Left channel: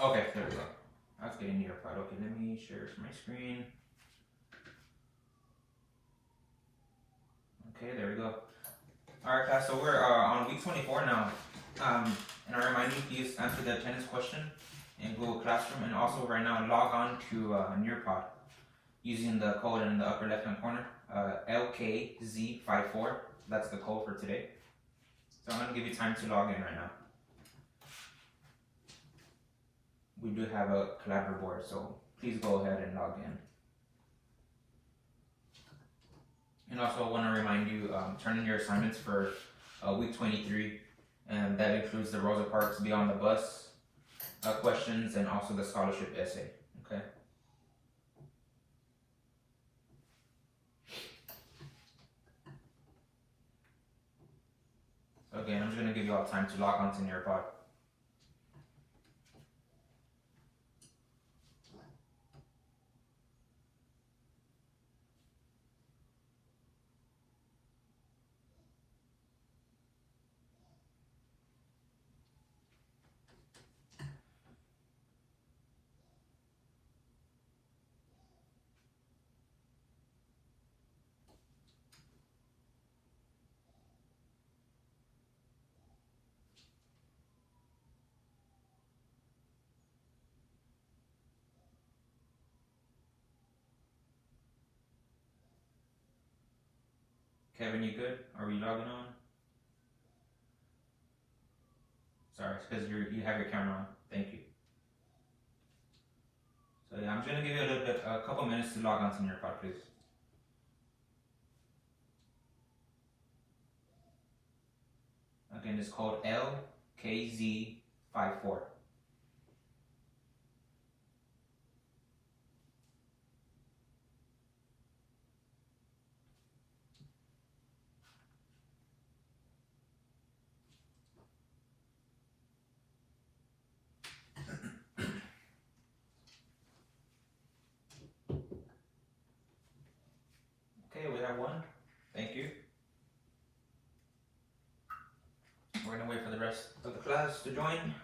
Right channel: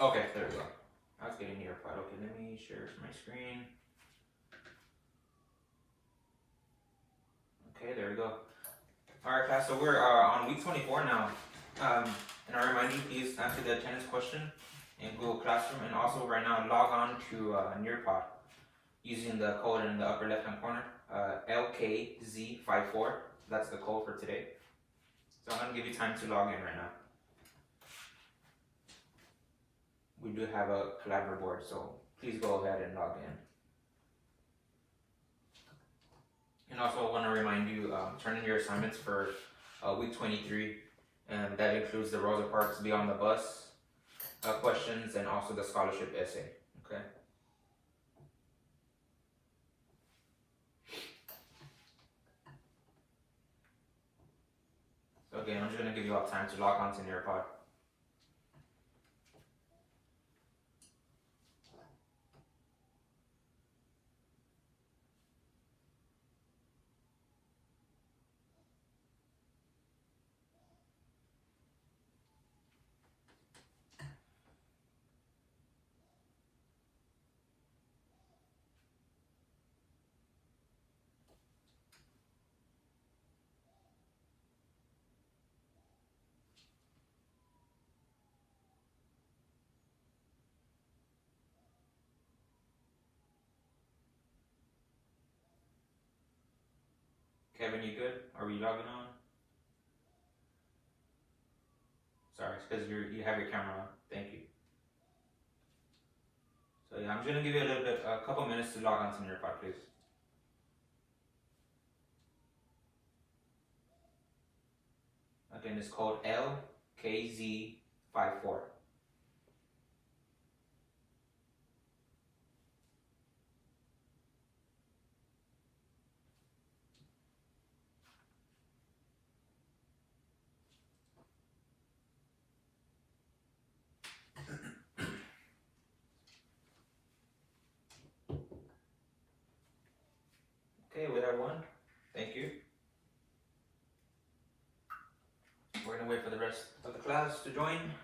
Okay, there we go. I was getting near part. Okay, let me share my screen. Okay, there we go. Alright, class, so we're on week 24 now. And I remind you, please answer the attendance question in Google Classroom, and also right now log on to Nearpod using the code in the upper left hand corner, LKZ54. That's the code for today. So I'm going to give you time to log in right now. We do have a collaborative board, so please go ahead and log in. And also I want to remind you, turn in your assignments for week 23, and that includes the Rosa Parks Beyond the Bus questions and also the scholarship essay, okay? So again, I'm just going to give you all time to log on to Nearpod. Kevin, you good? Are we logging on? Sorry, it's because you have your camera on. Thank you. So yeah, I'm gonna give you a couple minutes to log on to Nearpod, please. Again, it's called LKZ54. Okay, we have one. Thank you. We're gonna wait for the rest of the class to join.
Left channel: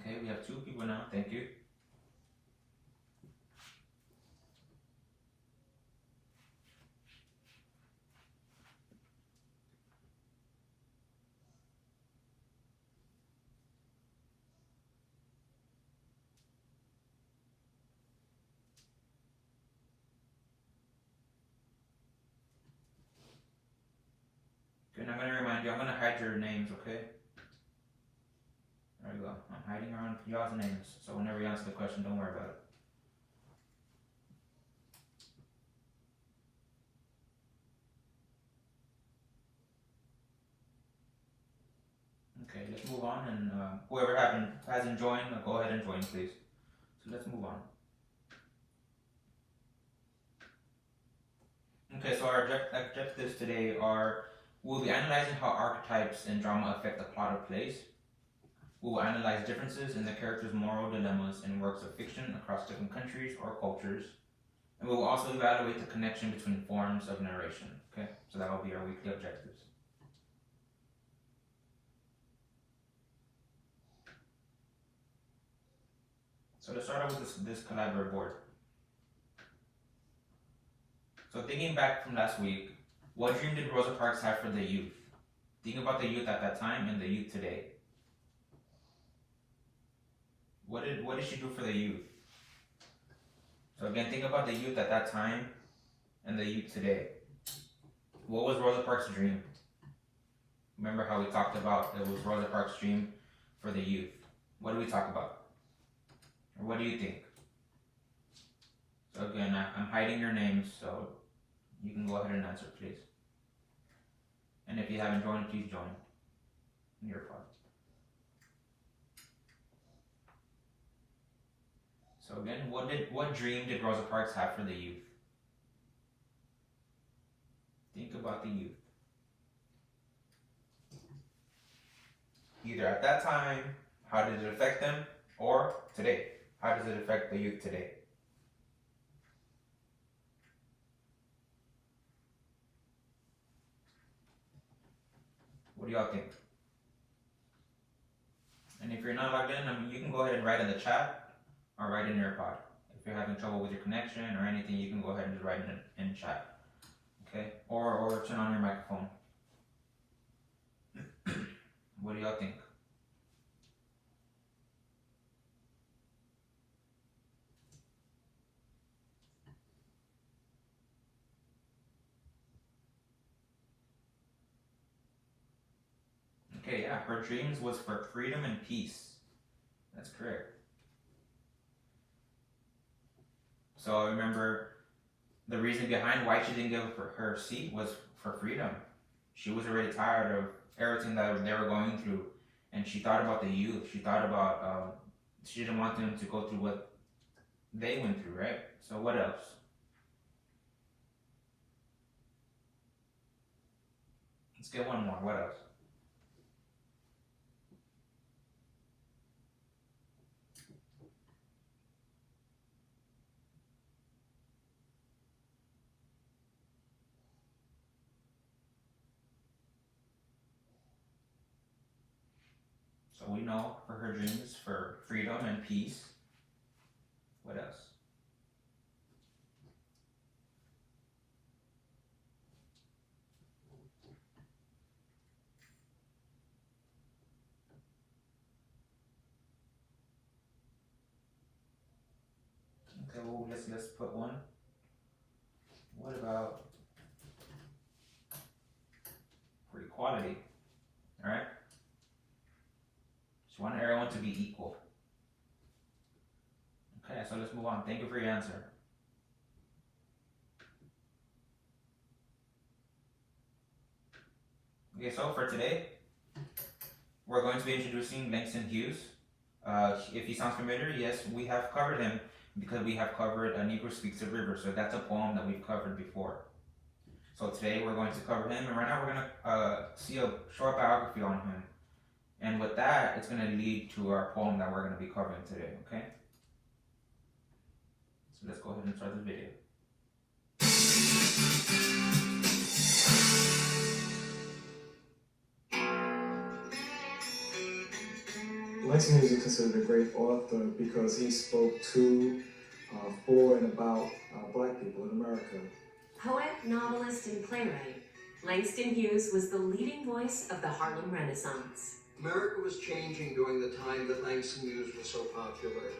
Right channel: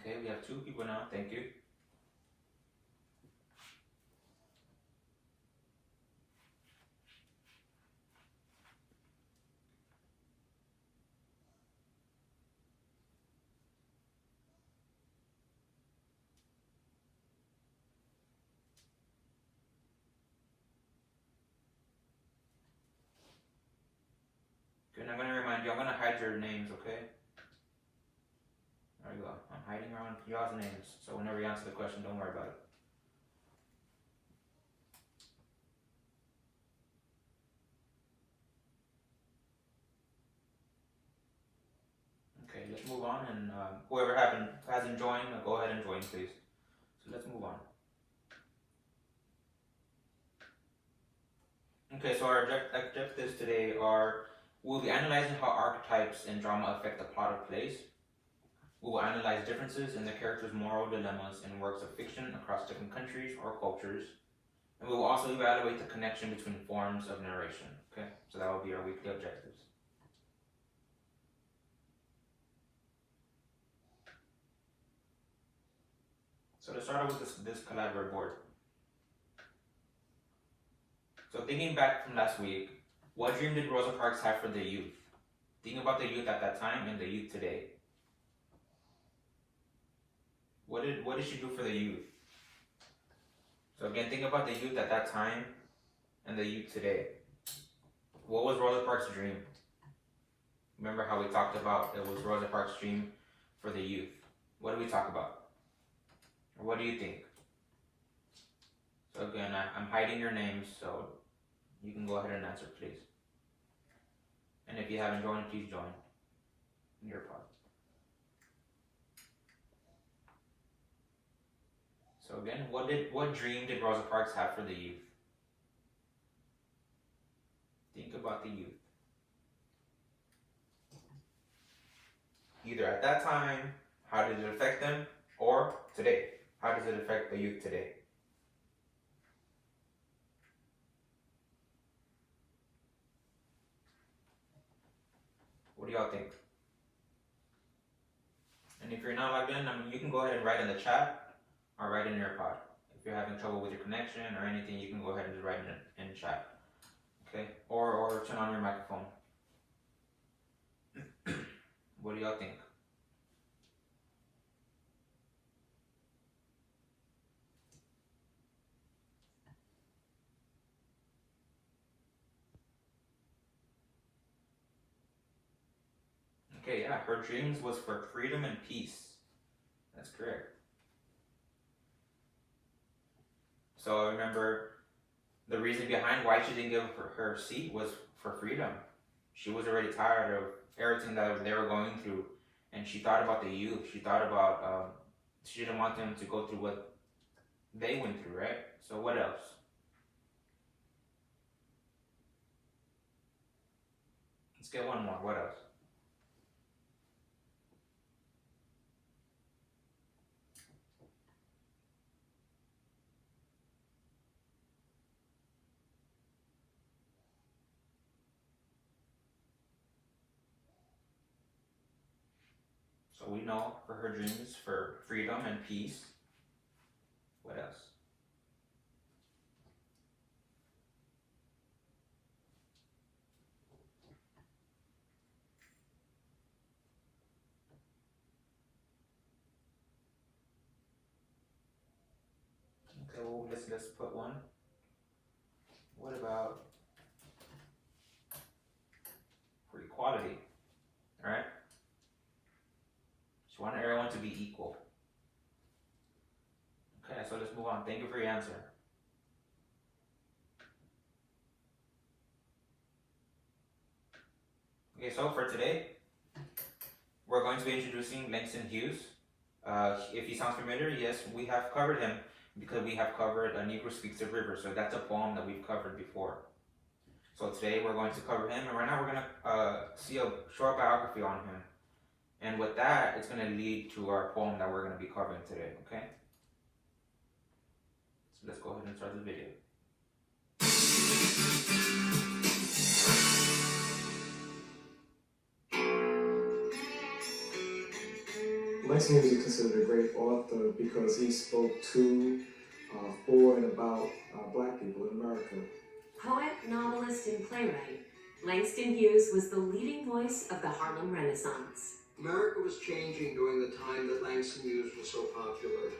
Okay, we have 2 people now. Thank you. Okay, and I'm gonna remind you, I'm gonna hide your names, okay? There we go. I'm hiding around y'all's names, so whenever you answer the question, don't worry about it. Okay, let's move on, and whoever hasn't joined, go ahead and join, please. So let's move on. Okay, so our objectives today are: we'll be analyzing how archetypes in drama affect the plot of plays. We will analyze differences in the characters' moral dilemmas in works of fiction across different countries or cultures. And we will also evaluate the connection between forms of narration. Okay, so that will be our weekly objectives. So to start out with this collaborative board. So thinking back from last week, what dream did Rosa Parks have for the youth? Think about the youth at that time and the youth today. What did she do for the youth? So again, think about the youth at that time and the youth today. What was Rosa Parks' dream? Remember how we talked about it was Rosa Parks' dream for the youth. What did we talk about? Or what do you think? So again, I'm hiding your names, so you can go ahead and answer, please. And if you haven't joined, please join. in your pod. So again, what dream did Rosa Parks have for the youth? Think about the youth. Either at that time, how did it affect them? Or today, how does it affect the youth today? What do y'all think? And if you're not logged in, you can go ahead and write in the chat or write in your pod. If you're having trouble with your connection or anything, you can go ahead and just write in chat. Okay? Or turn on your microphone. What do y'all think? Okay, yeah, her dreams was for freedom and peace. That's correct. So remember, the reason behind why she didn't give up her seat was for freedom. She was already tired of everything that they were going through, and she thought about the youth. She thought about, she didn't want them to go through what they went through, right? So what else? Let's get one more. What else? So we know for her dreams for freedom and peace. What else? Okay, well let's put one. What about for equality? Alright? She wanted everyone to be equal. Okay, so let's move on. Thank you for your answer. Okay, so for today, we're going to be introducing Langston Hughes. If he sounds familiar, yes, we have covered him because we have covered A Negro Speaks of Rivers. So that's a poem that we've covered before. So today we're going to cover him, and right now we're going to see a short biography on him. And with that, it's going to lead to our poem that we're going to be covering today, okay? So let's go ahead and start the video. Langston Hughes is considered a great author because he spoke to, for, and about Black people in America. Poet, novelist, and playwright, Langston Hughes was the leading voice of the Harlem Renaissance. America was changing during the time that Langston Hughes was so popular.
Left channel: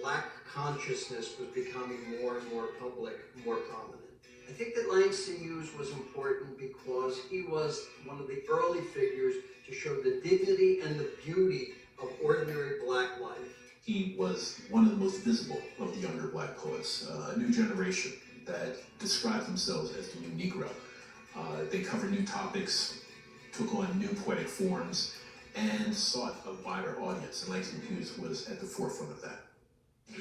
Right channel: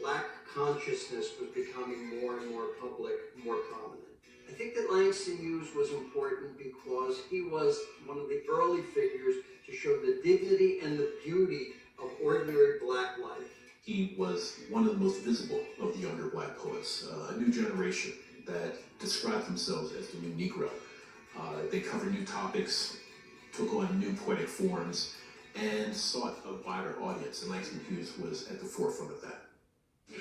Black consciousness was becoming more and more public, more prominent. I think that Langston Hughes was important because he was one of the early figures to show the dignity and the beauty of ordinary Black life. He was one of the most visible of the younger Black poets, a new generation that described themselves as the new Negro. They covered new topics, took on new poetic forms, and sought a wider audience, and Langston Hughes was at the forefront of that.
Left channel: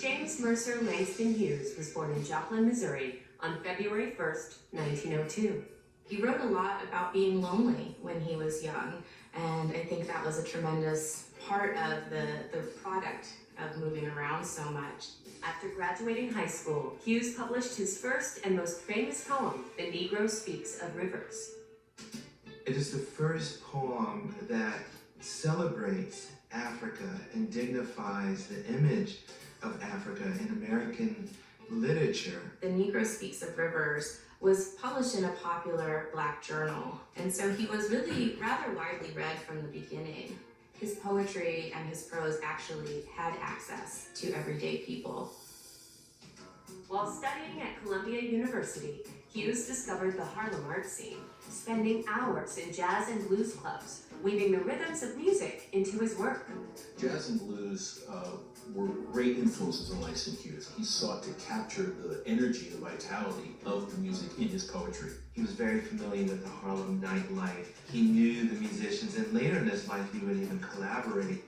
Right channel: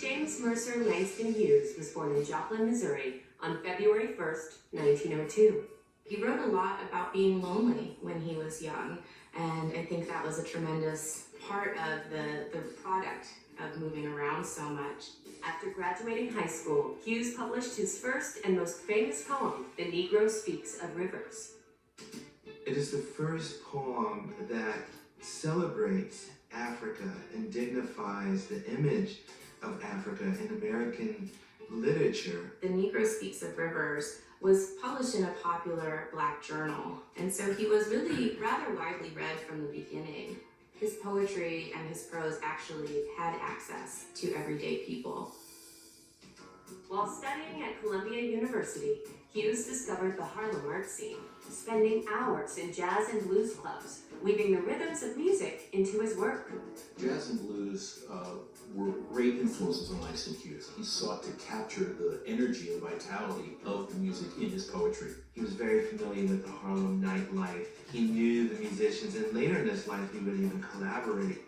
James Mercer Langston Hughes was born in Joplin, Missouri on February 1st, 1902. He wrote a lot about being lonely when he was young, and I think that was a tremendous part of the product of moving around so much. After graduating high school, Hughes published his first and most famous poem, The Negro Speaks of Rivers. It is the first poem that celebrates Africa and dignifies the image of Africa in American literature. The Negro Speaks of Rivers was published in a popular Black journal, and so he was really rather widely read from the beginning. His poetry and his prose actually had access to everyday people. While studying at Columbia University, Hughes discovered the Harlem art scene, spending hours in jazz and blues clubs, weaving the rhythms of music into his work. Jazz and blues were great influences on Langston Hughes. He sought to capture the energy and vitality of the music in his poetry. He was very familiar with the Harlem nightlife. He knew the musicians and later as like he would even collaborate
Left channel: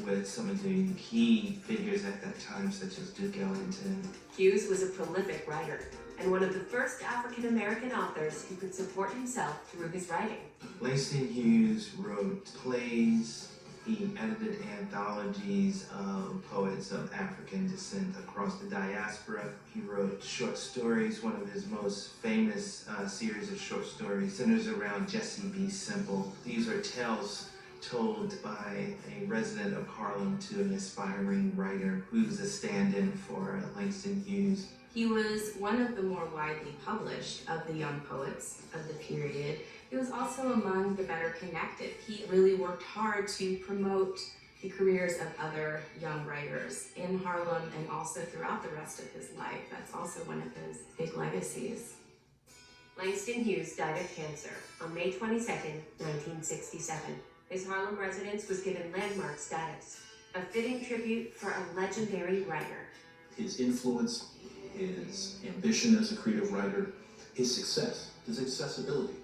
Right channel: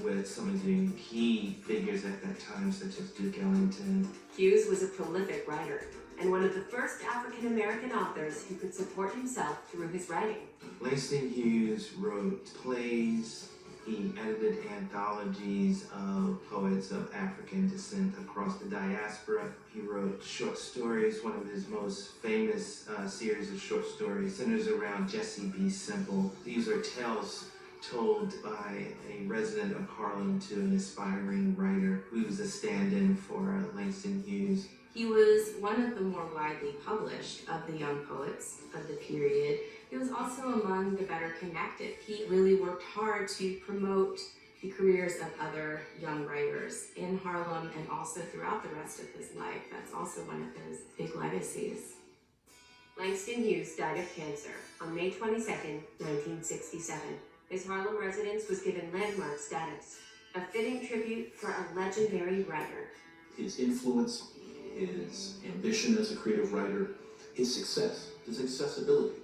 with some of the key figures at that time, such as Duke Ellington. Hughes was a prolific writer and one of the first African American authors who could support himself through his writing. Langston Hughes wrote plays. He edited anthologies of poets of African descent across the diaspora. He wrote short stories. One of his most famous series of short stories centers around Jesse B. Simple. These are tales told by a resident of Harlem to an aspiring writer who's a stand-in for Langston Hughes. He was one of the more widely published of the young poets of the period. He was also among the better connected. He really worked hard to promote the careers of other young writers in Harlem and also throughout the rest of his life. That's also one of his big legacies. Langston Hughes died of cancer on May 22, 1967. His Harlem residence was given landmark status, a fitting tribute for a legendary writer. His influence, his ambition as a creative writer, his success, his accessibility.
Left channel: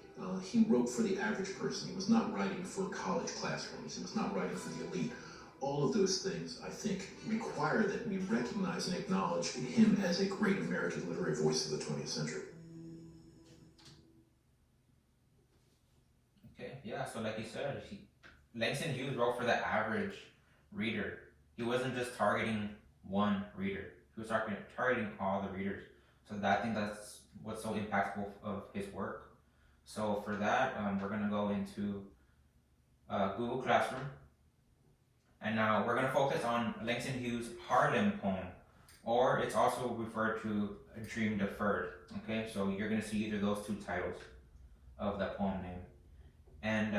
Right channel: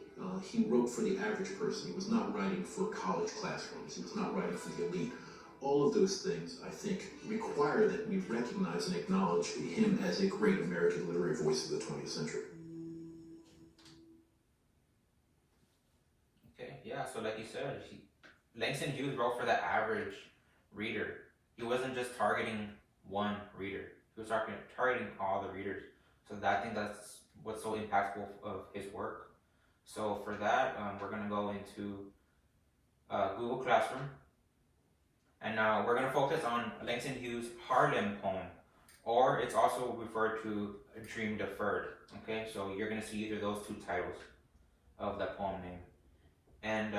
He wrote for the average person. He was not writing for college classrooms. He was not writing for the elite. All of those things, I think, require that we recognize and acknowledge him as a great American literary voice of the 20th century. Okay, yeah, so like you said, Langston Hughes wrote for the average reader. He wasn't just targeting one reader. He was targeting all the readers. So I think that's what's so impactful of his work. So for that, we're going to go into Google Classroom. And now we're going to focus on Langston Hughes' Harlem poem, or it's also referred to A Dream Deferred. Okay, so you're going to see either those two titles of that poem name. And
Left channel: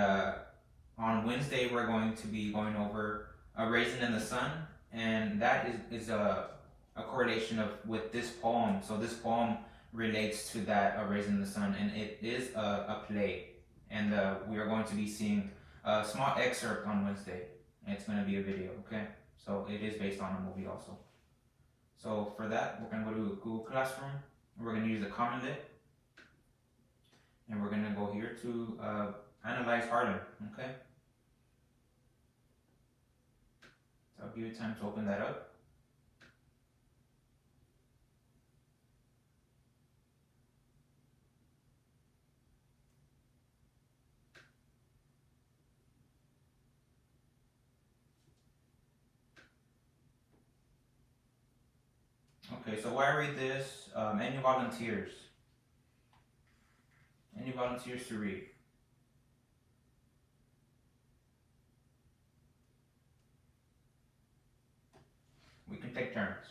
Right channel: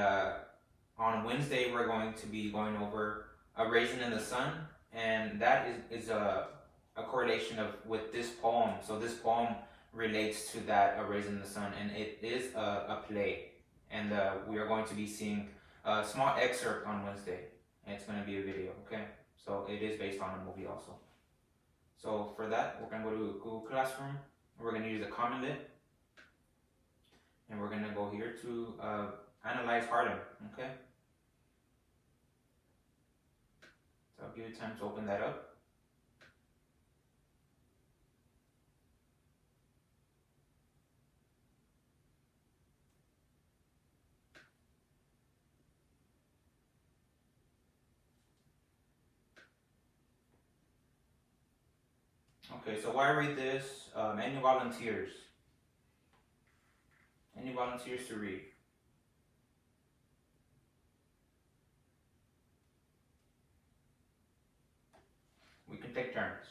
on Wednesday, we're going to be going over A Raisin in the Sun, and that is a correlation with this poem. So this poem relates to that A Raisin in the Sun, and it is a play, and we are going to be seeing a small excerpt on Wednesday, and it's going to be a video. Okay, so it is based on a movie also. So for that, we're going to go to Google Classroom. We're going to use the Common Lit, and we're going to go here to analyze Harlem. Okay, so I'll give you time to open that up. Okay, so while I read this, any volunteers? Any volunteers to read? We can take turns.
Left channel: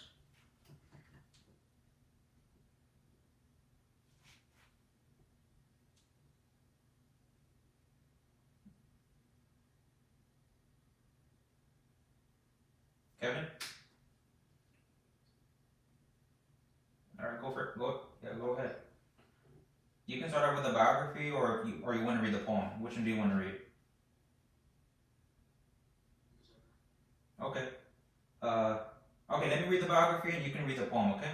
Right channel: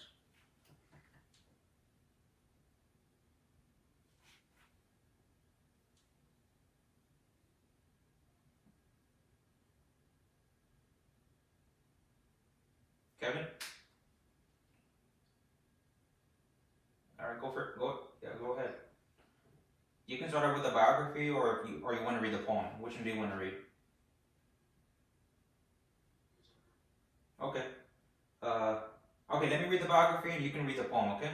Kevin? Alright, go for it. Go ahead. You can start out with a biography, or you want to read the poem. Which one do you want to read? Okay. Okay, let me read the biography and you can read the poem, okay?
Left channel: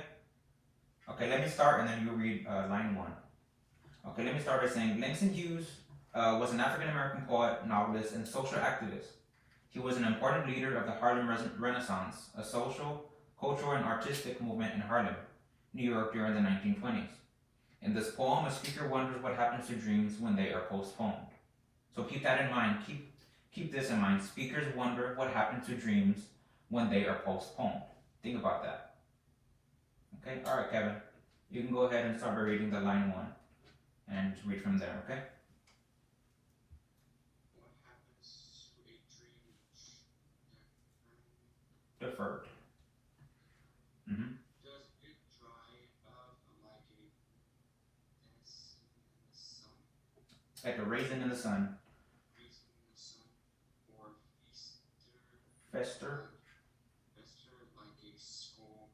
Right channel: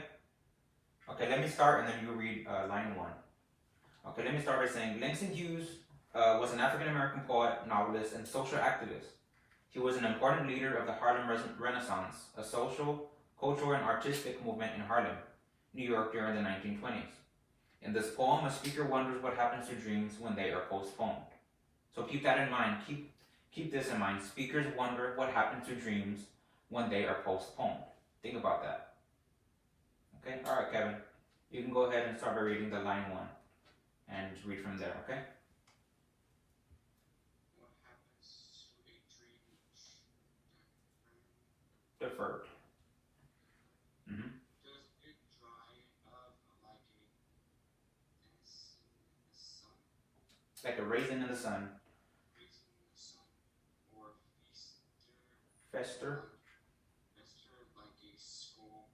Okay, let me start and then you read line 1. Okay, let me start by saying Langston Hughes was an African American poet, novelist, and social activist. He was an important leader of the Harlem Renaissance, a social, cultural, and artistic movement in Harlem, New York during the 1920s. In this poem, a speaker wonders what happens to dreams when they are postponed. So keep that in mind. Keep this in mind. Speakers wonder what happens to dreams when they are postponed. Think about that. Okay? Alright, Kevin. You can go ahead and start by reading the line 1 and read from there, okay? What happens to a dream Deferred. Mm-hmm. Does it dry up like a dancing in the sun? Like a raisin in the sun. Raisin in the sun, or Fester. fester like a skull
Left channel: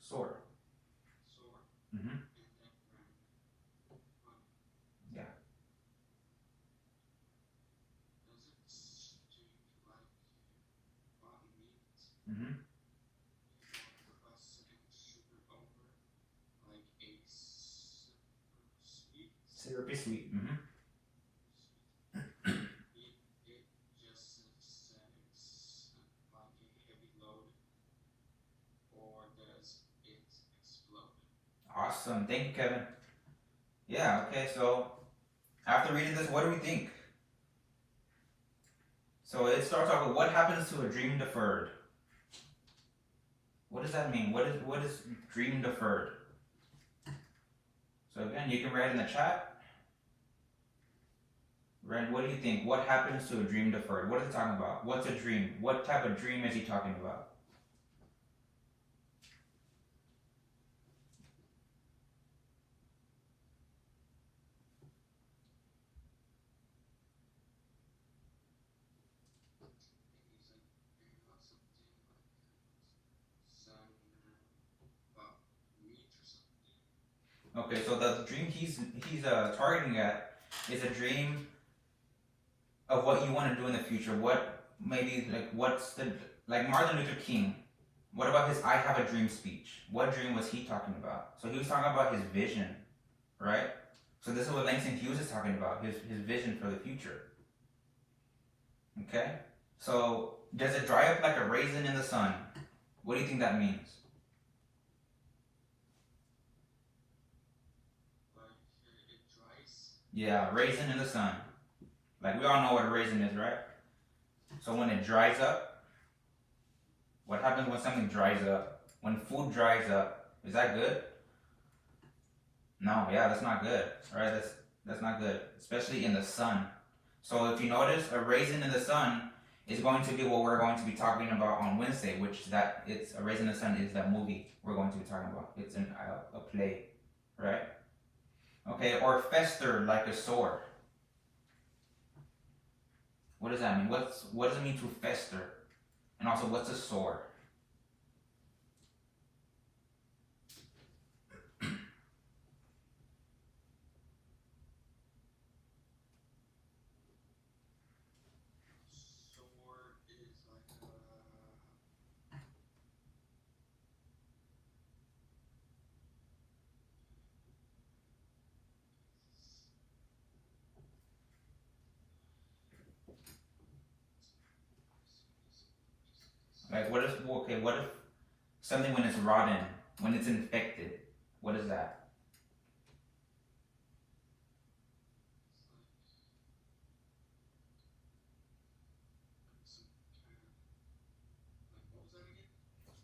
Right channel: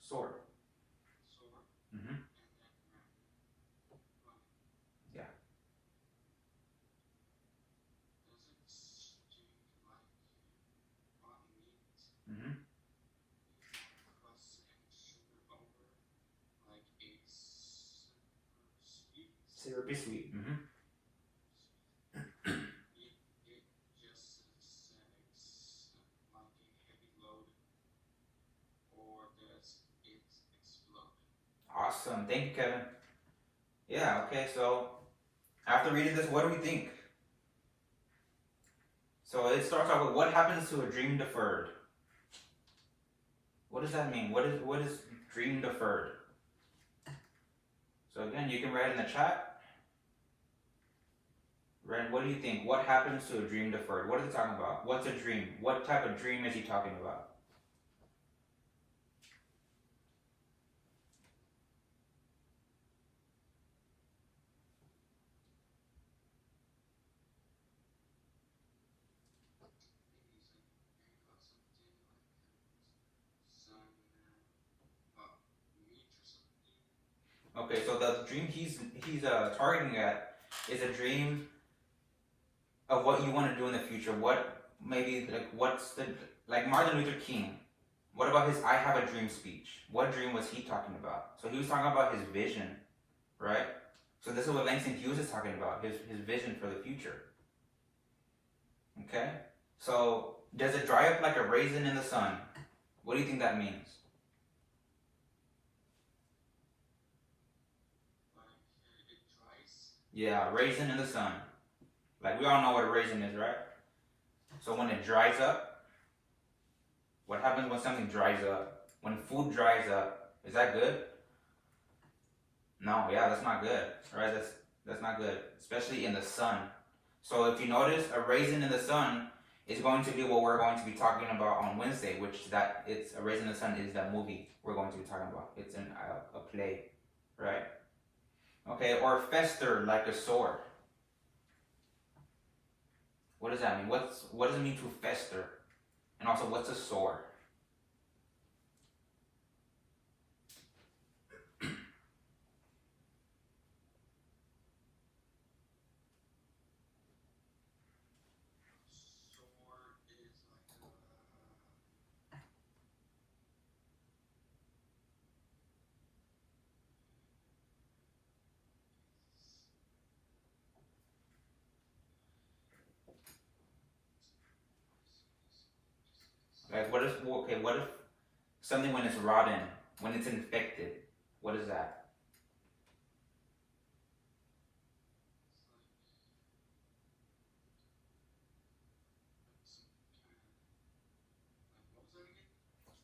Sword. sword, Mm-hmm. and then run. Yeah. Does it sting like rotten meat? Mm-hmm. Crust and sugar over like a sweet. Syrupy sweet. Mm-hmm. It just Thank you, Kevin. Yeah, okay, so after reading this, what do we think? So it starts off with what happens to a dream deferred? What does that mean? What is dream deferred? So again, you can write in the chat. Ren, what do you think? What happens to a dream deferred? What is he talking about? What's a dream? What type of dream is he talking about? Okay, so the dream he's targeting at is a dream of what you want to do in the future. What maybe like Martin Luther King? What about his "I Have a Dream" speech? What dream was he talking about? So he was talking about his vision, right? So this is what Langston Hughes is talking about, his vision for the future. Okay, so does it dry up like a raisin in the sun? What do you think that means? Yeah, raisin in the sun. Like we all know what a raisin is, right? So when it dries up, what happens when something dries up? When food dries up, is that good? No, yeah, that's not good. Alright, that's not good. Especially in the sun. So if you notice, a raisin in the sun is going to be what we're going to be talking about on Wednesday, it's a raisin in the sun is that movie we're going to be talking about. It's in a play, right? Okay, or fester like a sword. What does that mean? What does it mean to fester? And also, what's a sword? Like what if something when it's rotten, when it's infected, what is that?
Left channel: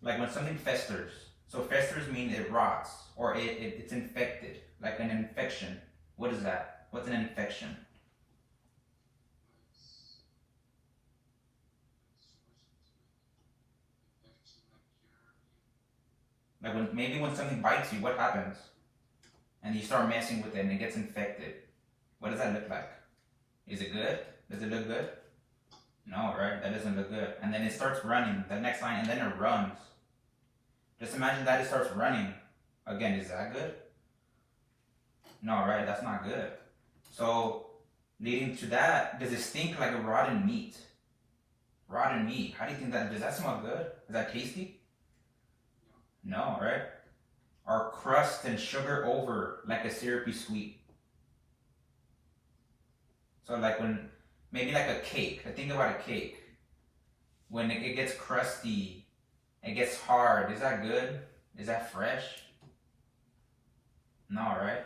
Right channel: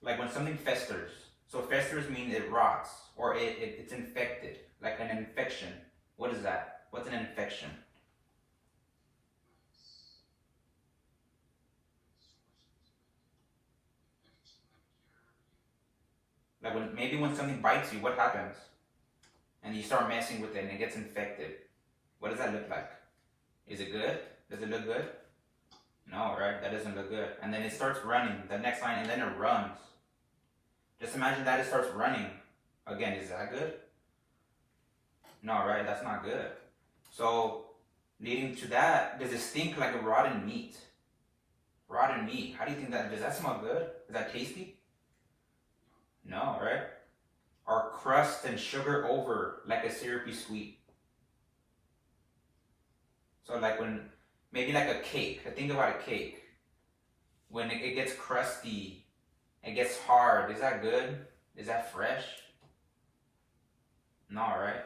Like when something festers. So festers means it rots or it's infected, like an infection. What is that? What's an infection? Like when something bites you, what happens? And you start messing with it and it gets infected. What does that look like? Is it good? Does it look good? No, right? That doesn't look good. And then it starts running, the next line, and then it runs. Just imagine that it starts running. Again, is that good? No, right? That's not good. So, leading to that, does it stink like a rotten meat? Rotten meat. How do you think does that smell good? Is that tasty? No, right? Or crust and sugar over like a syrupy sweet. So like maybe like a cake. Think about a cake. When it gets crusty, it gets hard. Is that good? Is that fresh? No, right?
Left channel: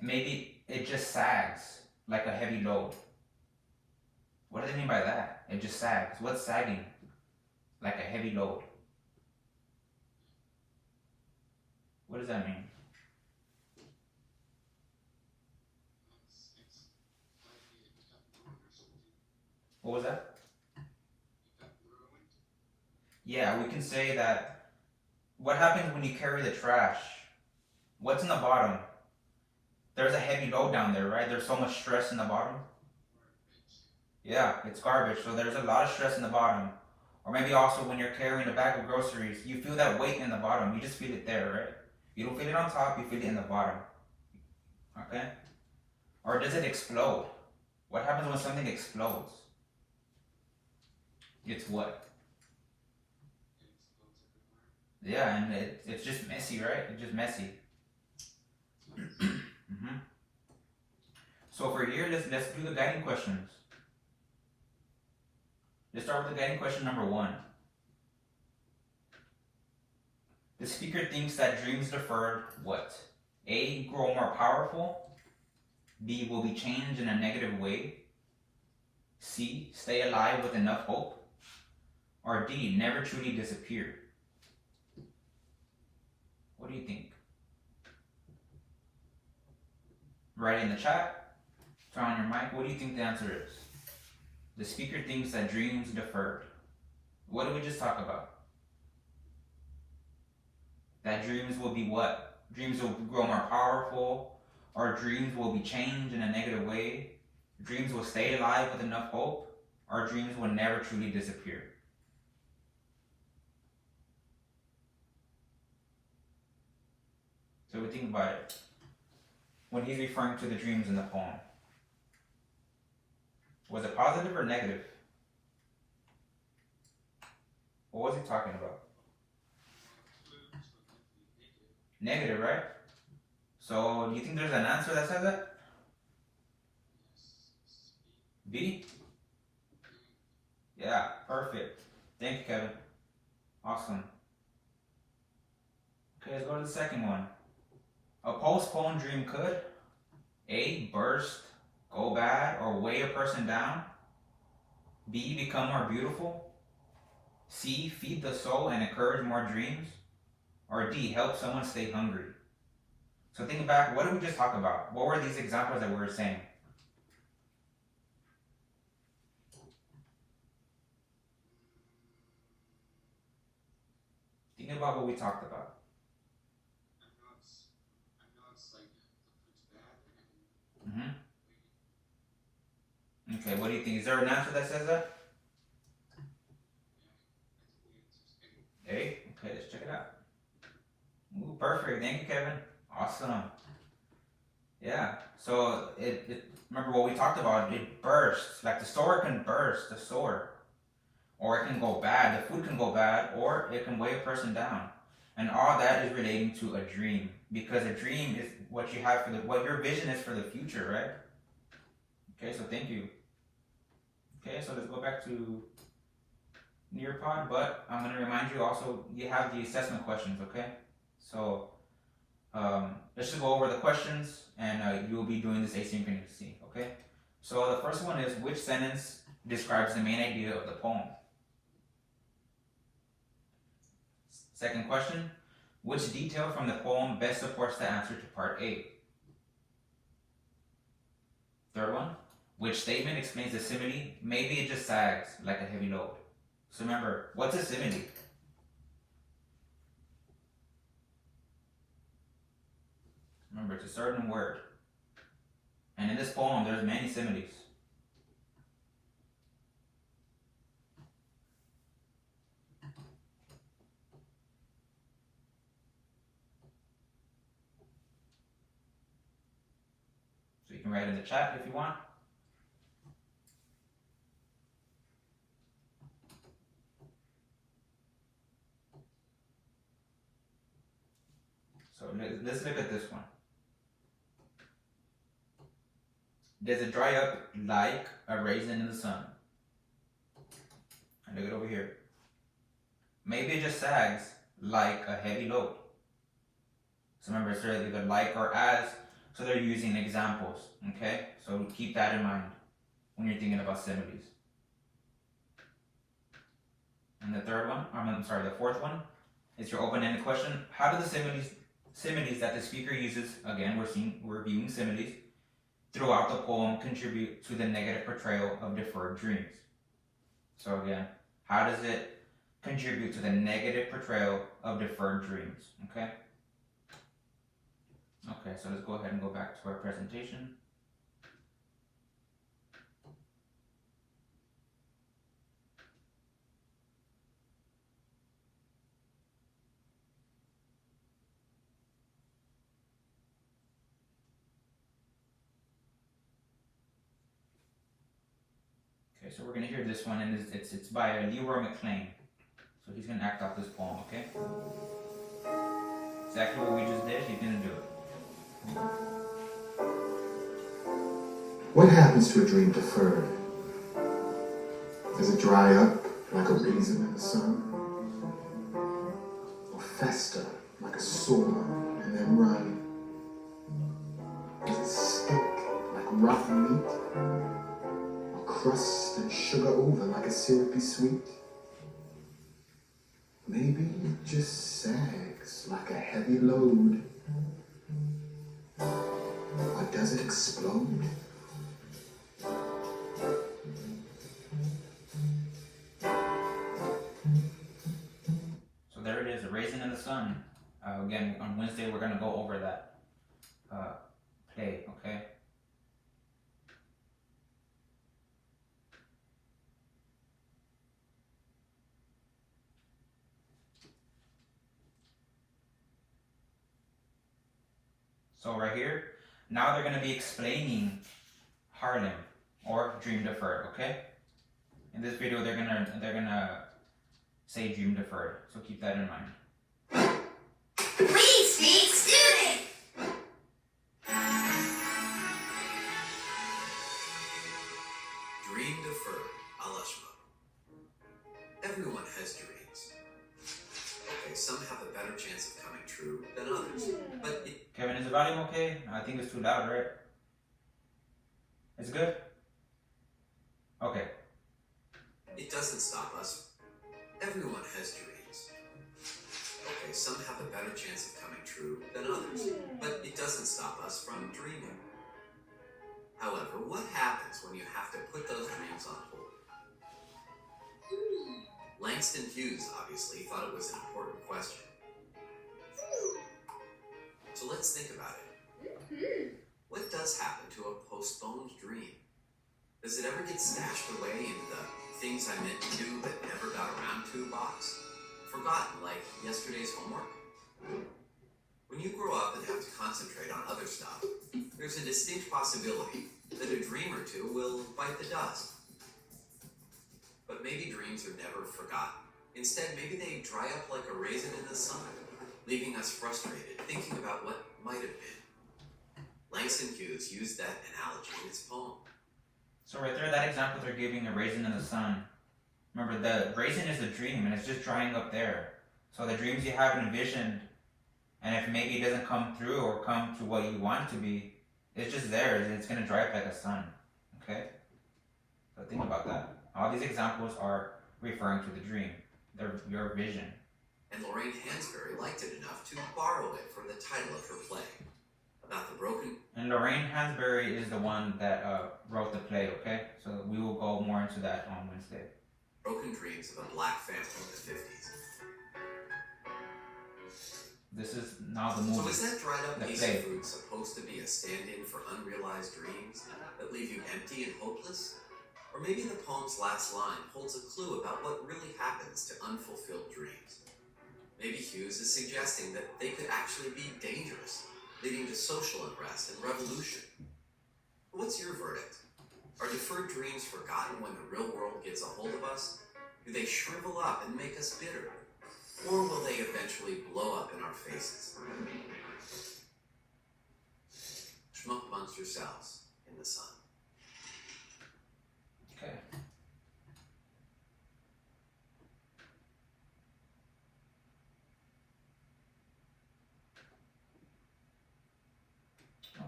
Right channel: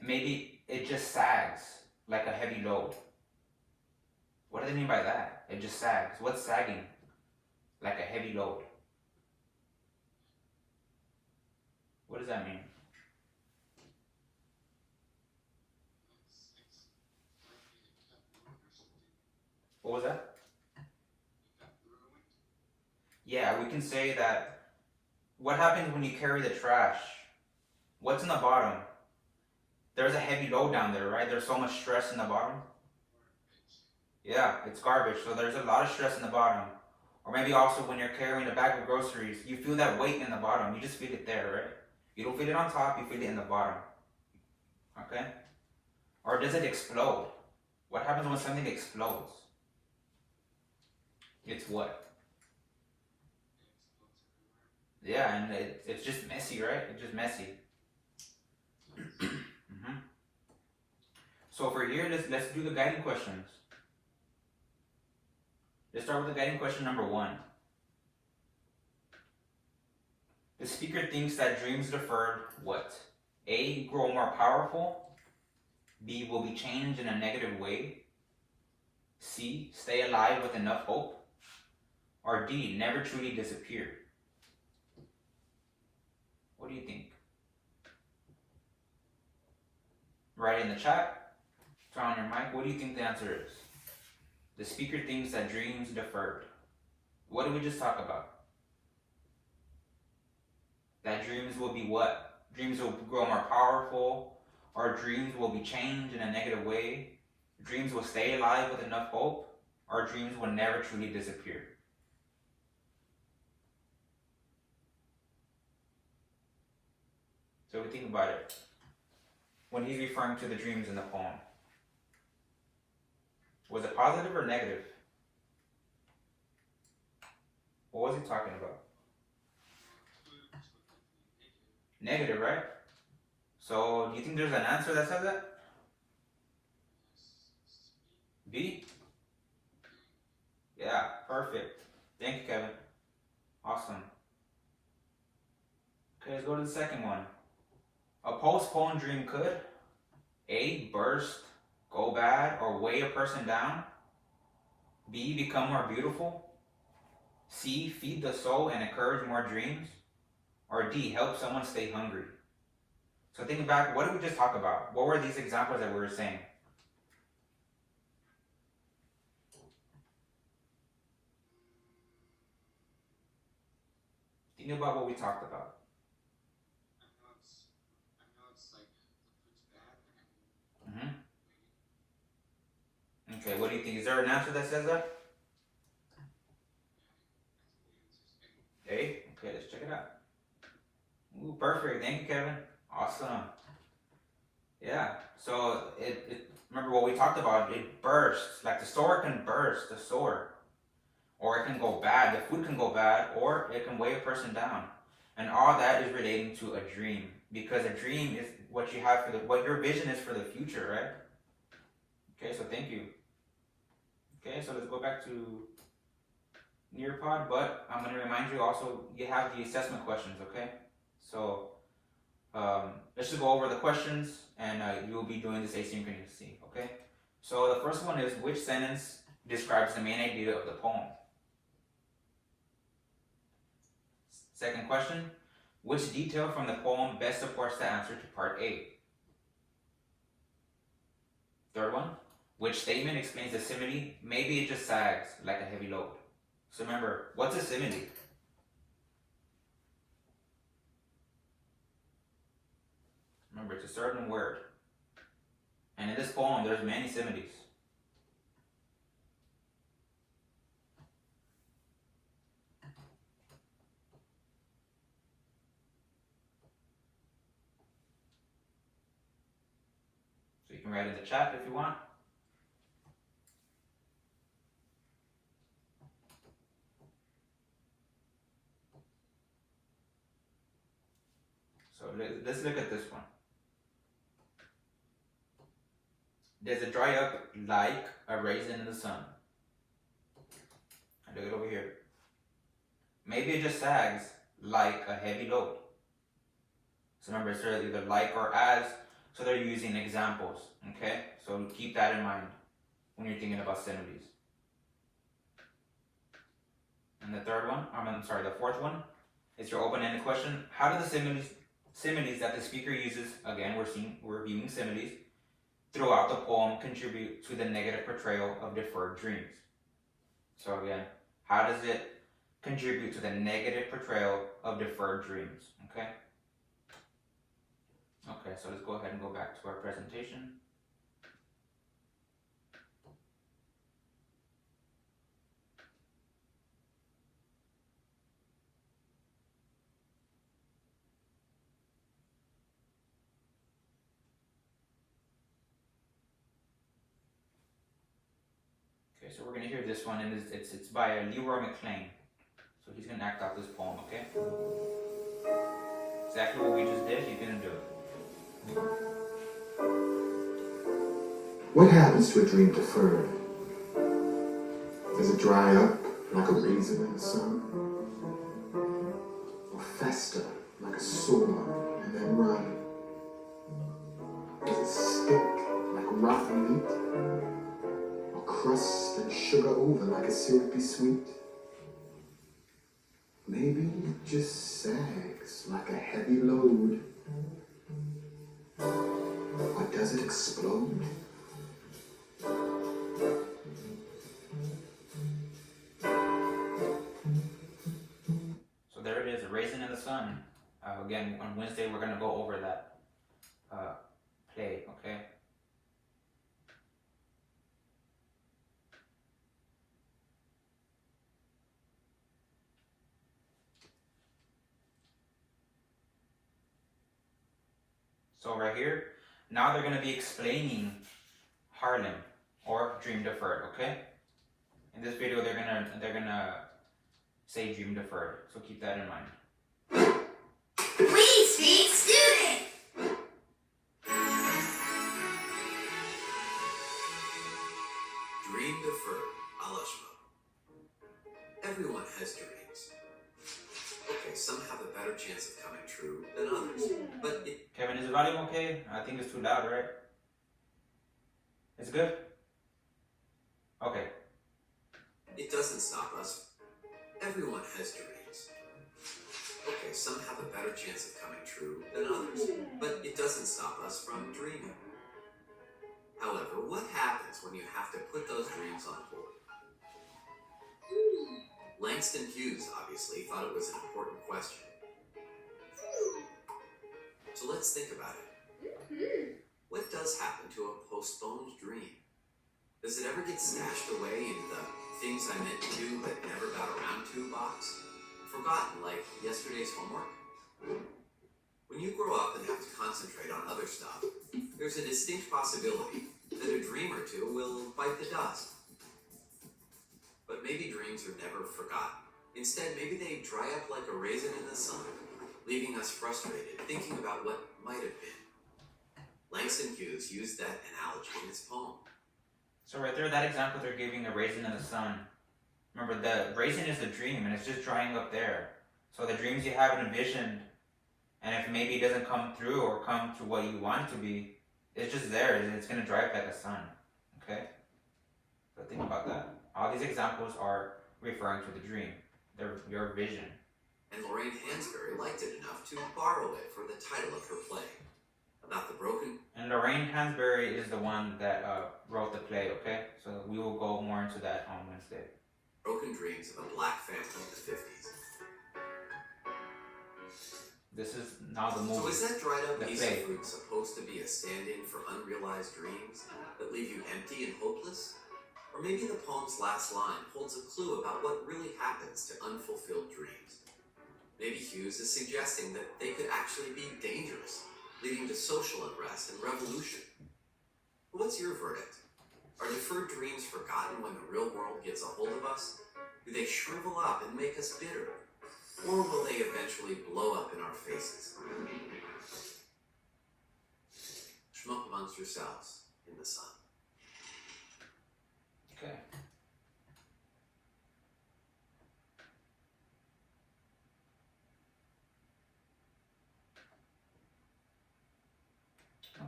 Maybe it just sags like a heavy load. What does it mean by that? It just sags. What's sagging? Like a heavy load. What does that mean? What was that? Yeah, we can say that. What happens when you carry the trash? What's in the bottom? There's a heavy load down there, right? There's so much stress in the bottom. Yeah, it's garbage. So there's a lot of stress in the bottom. Or maybe also when you're carrying a bag of groceries, you feel that weight in the bottom. You just feel it there, right? You don't feel it on top, you feel it in the bottom. Okay? Or does it explode? What happens when something explodes? It's what? Yeah, and it's just messy, right? It's just messy. So for here, let's do the guiding questions. Let's start with the guiding question number 1. The speaker thinks that dreams deferred what? A. Grow more powerful. B. Will be changed in a negative way. C. Stay alive with enough hope. Or D. Never truly disappear. What do you think? Write in the chat. Turn on your mic. What do you think the answer is? The speaker thinks that dreams deferred. What did we just talk about? That dreams will be what? Dreams will grow more powerful, or dreams will be changed in a negative way. Dreams will stay alive with enough hope, or dreams will never truly disappear. So we think about it. When he's referring to the dreams in the poem, was it positive or negative? What was he talking about? Negative, right? So, do you think there's an answer that says that? B? Yeah, perfect. Thank you, Kevin. Awesome. Okay, let's go to the second one. A postponed dream could A. Burst, go bad, or weigh a person down. B. Become more beautiful. C. Feed the soul and encourage more dreams. Or D. Help someone stay hungry. So think back, what did we just talk about? What were these examples that we were saying? Think about what we talked about. Okay, what do you think? Is there an answer that says that? A? Okay, let's check it out. Ooh, perfect. Thank you, Kevin. Awesome. Yeah, so remember what we talked about, it bursts. Like the store can burst, the store. Or it can go bad, the food can go bad, or it can weigh a person down. And all that is relating to a dream. Because a dream is what you have for what your vision is for the future, right? Okay, so thank you. Okay, so let's go back to Nearpod, but I'm going to remind you also, you have the assessment questions, okay? So let's just go over the questions, and you will be doing this asynchronously, okay? So the first one is, which sentence describes the main idea of the poem? Second question, which detail from the poem best supports the answer to part A? Third one, which statement explains the simile? Maybe it just sags like a heavy load. So remember, what's a simile? Remember, it's a certain word. And in this poem, there's many similes. So you can write in the chat if you want. So let's look at this one. Does it dry up like a raisin in the sun? And look it over here. Maybe it just sags like a heavy load. So remember, it's either like or as, so they're using examples, okay? So keep that in mind when you're thinking about similes. And the fourth one is your open-ended question. How do the similes that the speaker uses, again, we're viewing similes, throughout the poem contribute to the negative portrayal of deferred dreams? So again, how does it contribute to the negative portrayal of deferred dreams? Okay? Okay, so let's go ahead and go back to our presentation. Okay, so we're going to hear this one, and it's by Leroy McLean. So he's going to act out this poem, okay? Exactly what we just did, he's going to do it. What happens to a dream deferred? Does it dry up like a raisin in the sun? Or fester like a sword and then run? Does it stink like rotten meat? Or crust and sugar over like a syrupy sweet? Maybe it just sags like a heavy load. Or does it explode? So there it is, A Raisin in the Sun. Again, on Wednesday we're gonna go over that play, okay? So right here, now they're gonna be explaining Harlem or Dream Deferred, okay? In this video, they're gonna say Dream Deferred, so keep that in mind. We speak student. Dream deferred, Alashma. Everyone has dreams. Okay, some have a better chance of coming true than others, but Kevin, is the volume okay? I think it's too loud, right? It's good? Okay. it doesn't stop us. Everyone has dreams. Okay, some have a better chance of coming true than others, but it doesn't stop us from dreaming. However, what happens when you have to put those dreams on hold? Langston Hughes obviously thought it was an important question. So let's think about it. What does happen to a postponed dream? Does it ever get stashed away in the things I meant to do but never got around to box? Forgotten, like yesterday's homework? When you grow up and have to concentrate on other stuff, there's a distinct possibility that a dream or two will bite the dust. But maybe dreams are never forgotten. Instead, maybe they dry up like a raisin in the sun, leaving us frustrated, thinking about what might have been. Langston Hughes used that analogy in his poem. So right there, that example they're giving, the raisin in the sun. Remember, the raisin is a dream, and it's just drying up there. So the dreams you have envisioned, and if maybe it doesn't come through or come to what you want it to be, it's just there. It's going to dry up like a sun. Okay? So think about that. All these examples are referring to the dream, your vision. And Lorraine Hansberry liked it enough to borrow it for the title of her play. About the broken... And Lorraine Hansberry is the one that wrote the play, okay? So we will go more into that on Wednesday. Broken dreams of a black family in the 50s. This is now the movie. So is that dried up the piece play. of fruit supposed to be a stand-in for unrealized dreams that leave you empty and hopeless? Or maybe the poem's last line holds a clue about what really happens to unfulfilled dreams. Maybe Hughes is suggesting that they could actually be dangerous, leading to social unrest and revolution. What's your verdict? Are deferred dreams forgotten when the real world gets a hold of us? Do they shrivel up and make us bitter? Or will they eventually blow up in our faces? Schmuck amongst yourselves in the sun. Okay.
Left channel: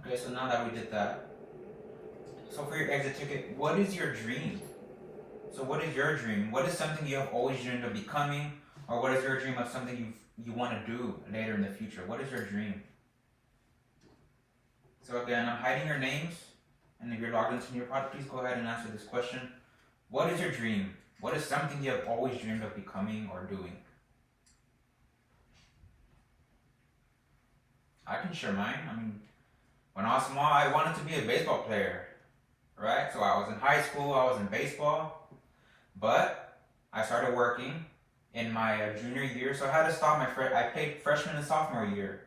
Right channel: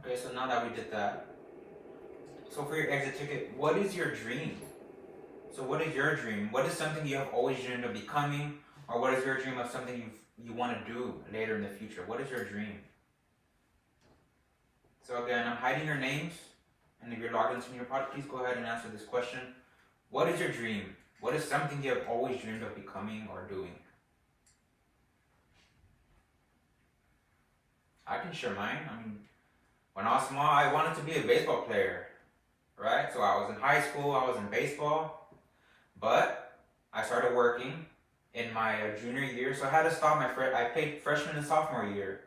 Okay, so now that we did that, so for your exit ticket, what is your dream? So what is your dream? What is something you have always dreamed of becoming? Or what is your dream of something you want to do later in the future? What is your dream? So again, I'm hiding your names, and if you're logged into your pod, please go ahead and answer this question. What is your dream? What is something you have always dreamed of becoming or doing? I can share mine. I mean, when I was small, I wanted to be a baseball player, right? So I was in high school, I was in baseball, but I started working in my junior year, so I had to stop I played freshman and sophomore year.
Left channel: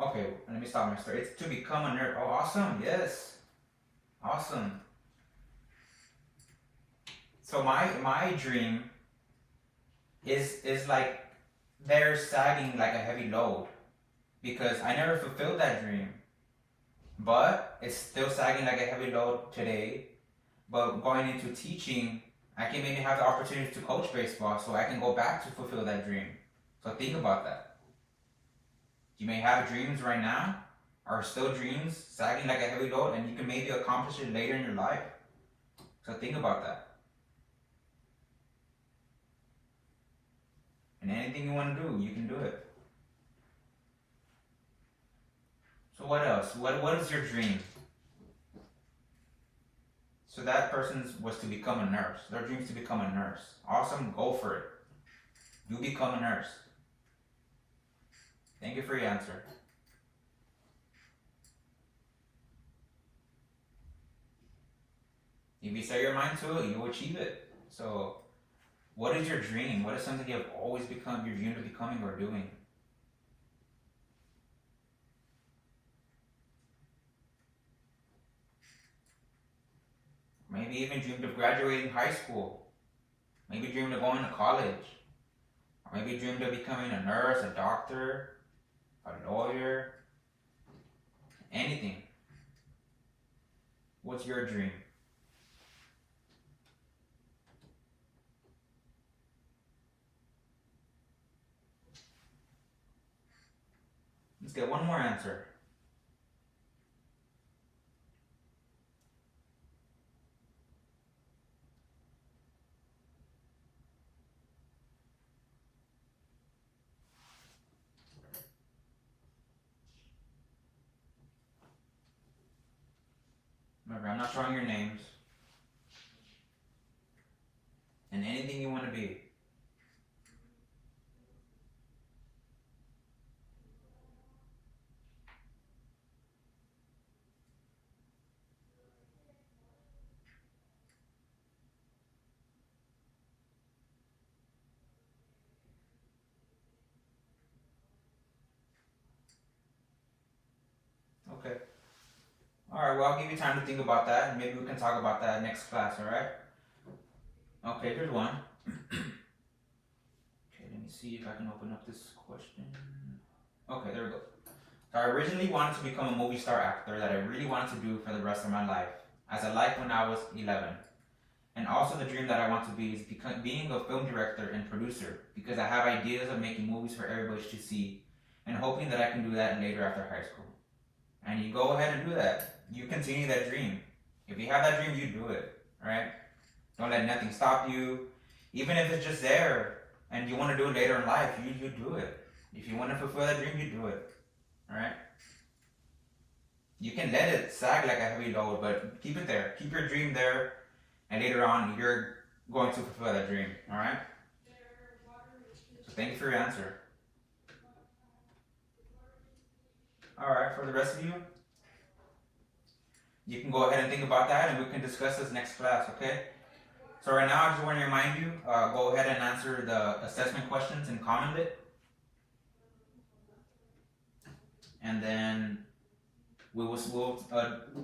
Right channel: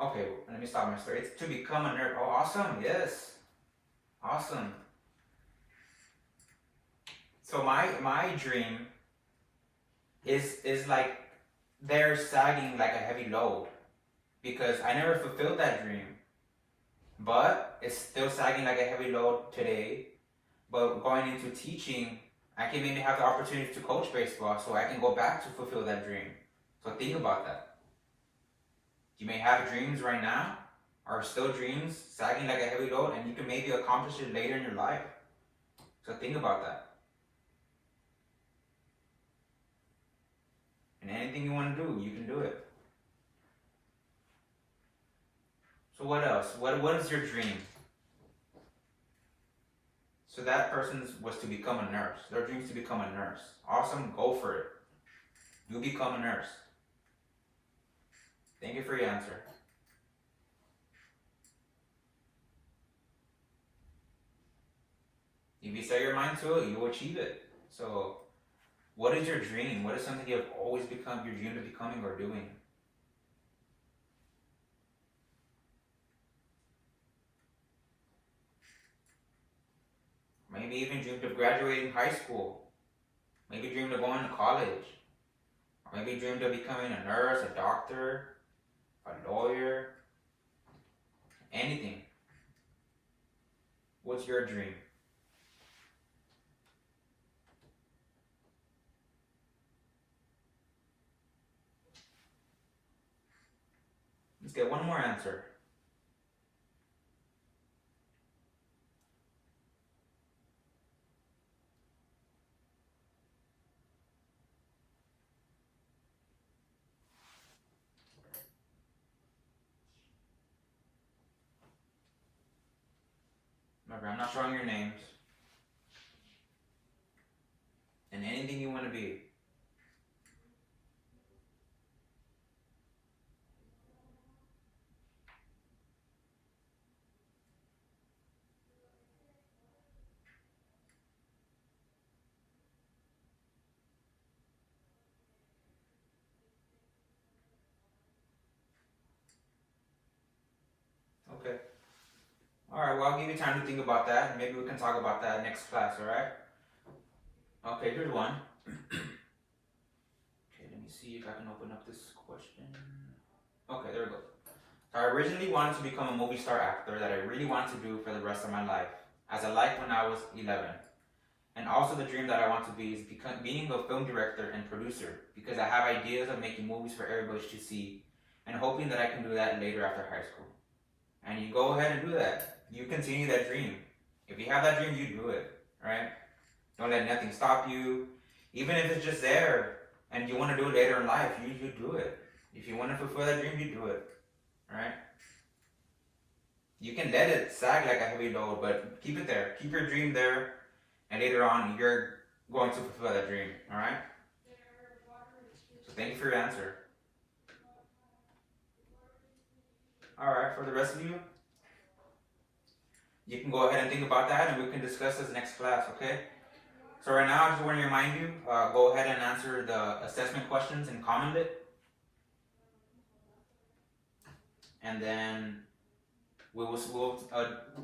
Okay, let me stop my story. It's to become a nerd. Oh, awesome, yes. Awesome. So my dream is like they're sagging like a heavy load because I never fulfilled that dream. But it's still sagging like a heavy load today. But going into teaching, I can maybe have the opportunity to coach baseball so I can go back to fulfill that dream. So think about that. You may have dreams right now, or still dreams sagging like a heavy load, and you can maybe accomplish it later in your life. So think about that. And anything you want to do, you can do it. So what else? What is your dream? So that person's was to become a nurse. Their dream is to become a nurse. Awesome, go for it. You become a nurse. Thank you for your answer. If you set your mind to it, you will achieve it. So, what is your dream? What is something you have always become, your dream of becoming or doing? Maybe even dreamed of graduating high school. Maybe dreamed of going to college. Or maybe dreamed of becoming a nurse, a doctor, a lawyer. Anything. What's your dream? Let's get one more answer. Remember, I'm not showing your names. And anything you want to be. Okay. Alright, well, I'll give you time to think about that, and maybe we can talk about that next class, alright? Okay, here's one. Okay, let me see if I can open up this question. Okay, there we go. So I originally wanted to become a movie star actor that I really wanted to do for the rest of my life, as I liked when I was 11. And also the dream that I want to be is being a film director and producer, because I have ideas of making movies for everybody to see, and hoping that I can do that later after high school. And you go ahead and do that. You continue that dream. If you have that dream, you do it, right? Don't let nothing stop you. Even if it's just there and you want to do it later in life, you do it. If you want to fulfill that dream, you do it, right? You can let it sag like a heavy load, but keep it there. Keep your dream there, and later on, you're going to fulfill that dream, all right? So thank you for your answer. All right, for the rest of you, you can go ahead and think about that, and we can discuss this next class, okay? So right now, I just want to remind you, go ahead and answer the assessment questions and comment it. And then we'll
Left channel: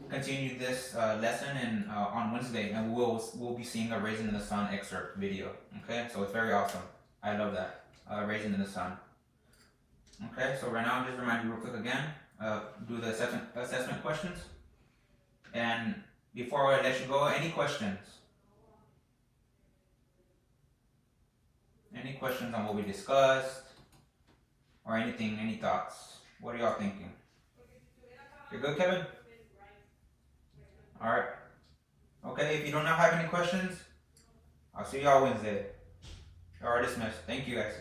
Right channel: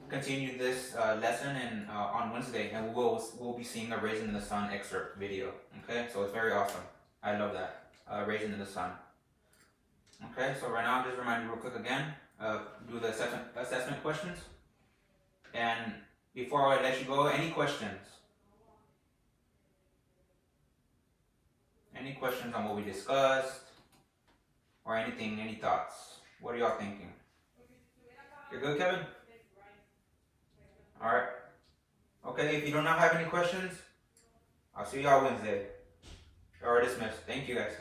continue this lesson on Wednesday, and we'll be seeing a Raisin in the Sun excerpt video, okay? So it's very awesome. I love that, Raisin in the Sun. Okay, so right now, I'll just remind you real quick again, do the assessment questions. And before I let you go, any questions? Any questions on what we discussed? Or anything, any thoughts? What are y'all thinking? You're good, Kevin? Alright. Okay, if you do not have any questions, I'll see y'all Wednesday. You are dismissed. Thank you, guys.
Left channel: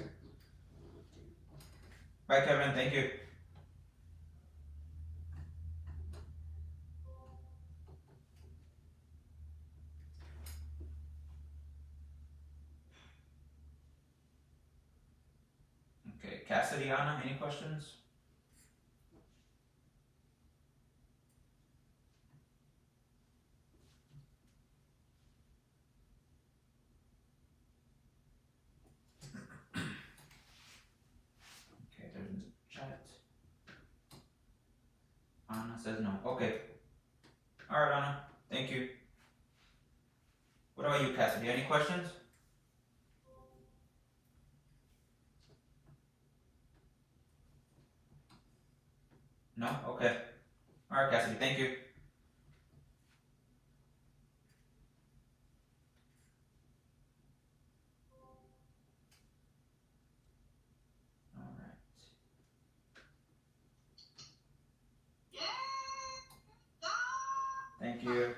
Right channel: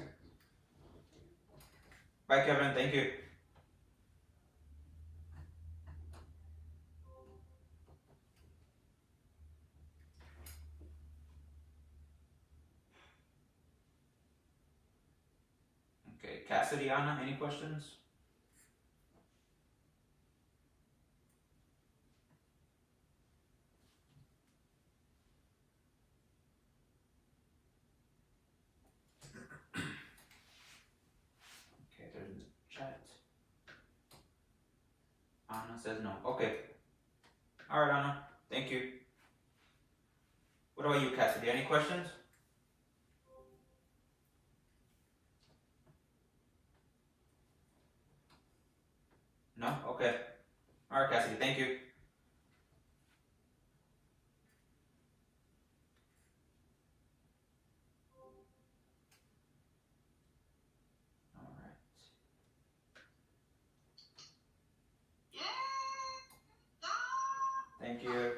Bye, Kevin. Thank you. Okay, Cassidy, Anna, any questions? Okay, there's a chat. Anna says no. Okay. Alright, Anna. Thank you. What about you, Cassidy? Any questions? No? Okay. Alright, Cassidy. Thank you. Alright. Thank you.